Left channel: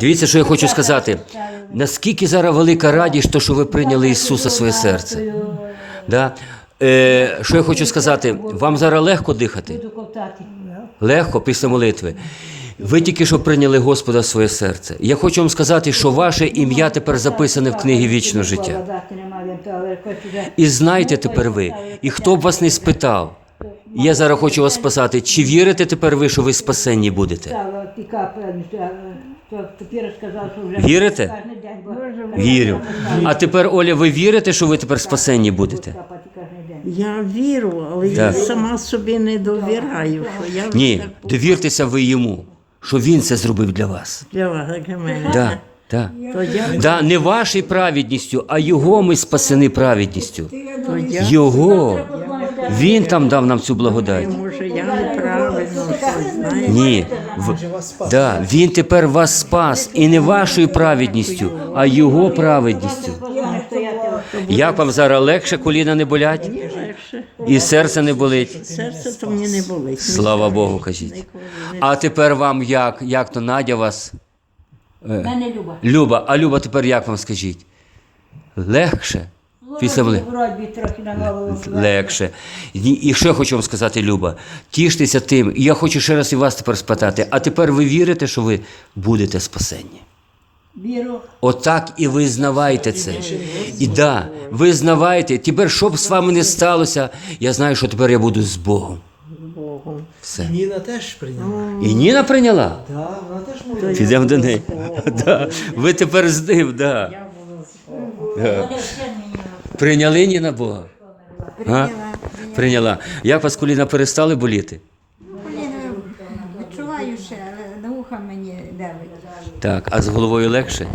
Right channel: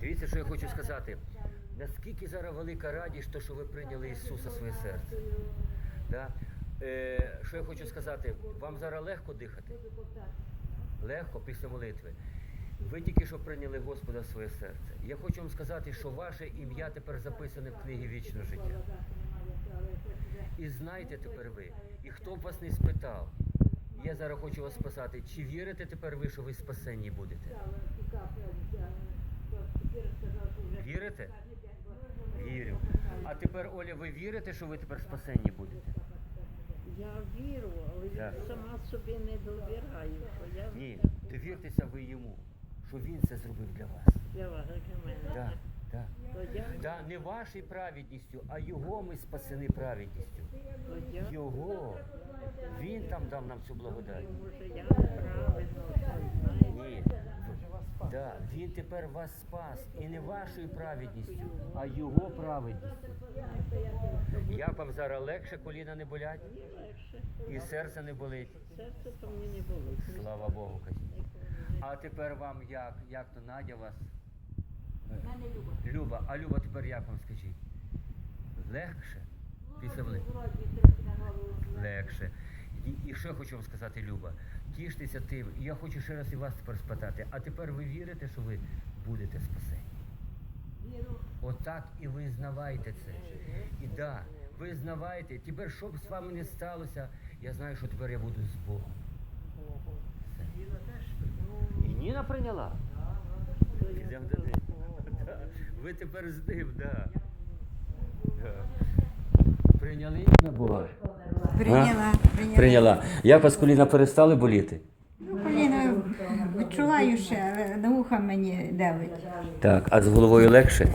Дивіться, що я хочу сказати. Наскільки зараз велика радість, що ви прийняли Ісуса в своє серце. Да? Е, що я хочу сказати, вам зараз легко дихати? Легко після молитви. Ви тільки що прийняли Господа в своє серце. Я хочу вам сказати, що ваше ім'я тепер записане в книгі вічного життя. І знаєте тепер ви, і хто б вас не спитав, я зараз хочу вас спасати, чи вірите тепер ви, що ви спасенні будете? Вірите? Вірю. А тепер, Оля, ви вірите, що ви тепер спасенні будете? Я вірю, але я Так. сама собі не довіряю, що я Ні, так довіртеся ви йому, що він це зробив для вас. для вас, для мене. Да, да. То я, Да, не вашою праведністю, а його ми спасені праведністю. то я, Його. Він там дав нам цю благодать. може, я неправильно щось знаю. Ні. В... Да, він тепер вас спас. І не вашою праведністю, а його праведністю. Як вам зараз легше, коліна не болять? І серце не болить? Серце то мені не болить. Слава Богу, кажіть. А тепер вам як? Як то Надя вас? Мене Люба. Люба, а Люба тепер як вам скажіть? Легше? Після вли- Вроді трохи на голову. Легше. І, і що я хочу вам сказати, Люба? Тіштеся тим. І я хочу ще раз і вас тепер спитати. А тепер ви вірите, що ви будете спасенні? Віру. Отак і визнавайте це. І да, визнавайте. Тепер, що б з вами не сталося, я знаю, що тепер я буду з Богом. Богом. Все. Ніна теж прийняла. І Ніна прийняла? Да, вона теж молилася. Підемо до неї. Да. Ви тепер з ним, да. Да. Прийняли Ніна Бога? Прийняла, Прийняла. Як вас коліна перестали боліти? Ну, коліна відчуваю ще, але на вуха мені давить. Так, а з головою легше?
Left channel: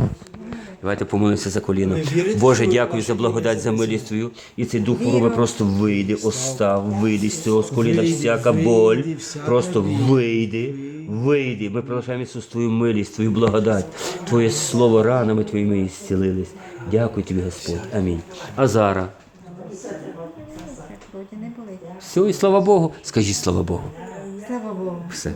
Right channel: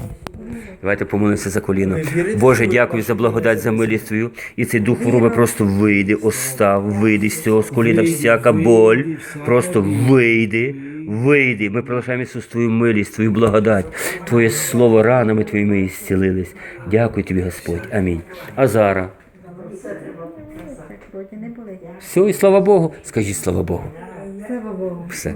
Давайте помолимося за коліно. Боже, дякую за благодать, за милість твою. І цей дух хвороби просто вийде, остав, вийде з цього з коліна всяка боль. Просто вийди, вийди. Ми проголошаємо Ісус твою милість, твою благодать, Твоє слово ранами твоїми і зцілились. Дякую тобі, Господь. Амінь. А зараз. Все, і слава Богу. Скажіть слава Богу. Слава Богу. Все.